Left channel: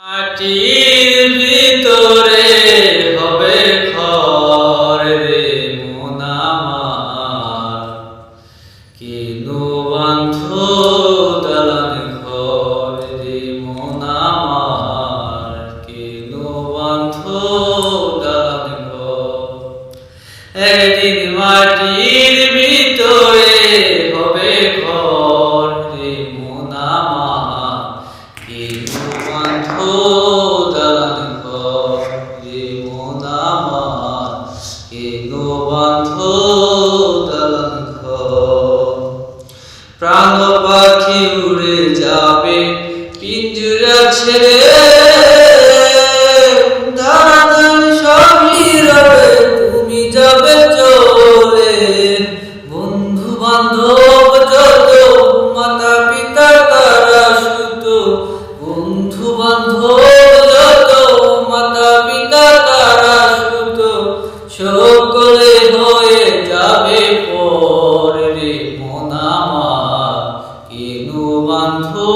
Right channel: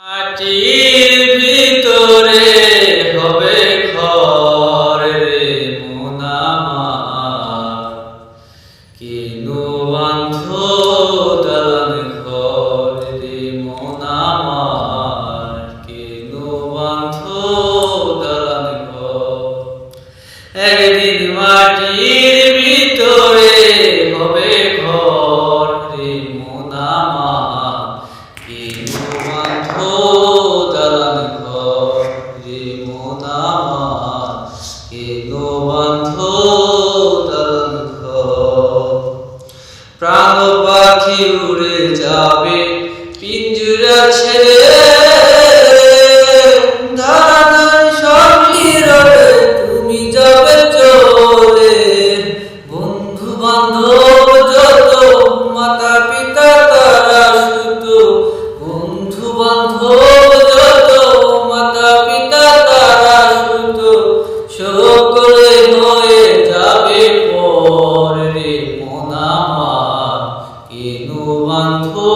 মাটির ভিতরে হবে ঘর রে মন আমার, কেন বাঁধো দালান ঘর রে মন আমার, কেন বাঁধো দালান ঘর। একদিন মাটির ভিতরে হবে ঘর রে মন আমার, কেন বাঁধো দালান ঘর রে মন আমার, কেন বাঁধো দালান ঘর। প্রাণ পাখি উড়ে যাবে পিঞ্জরা ছেড়ে, ধারাধারি সবই রবে তুমি যাবে চলে। বন্ধু বান্ধব যত মাতা পিতা তারা সুত, বন্ধু বান্ধব যত মাতা পিতা তারা সুত, সকলে হয়ে যাবে পর রে মন আমার, কেন বাঁধো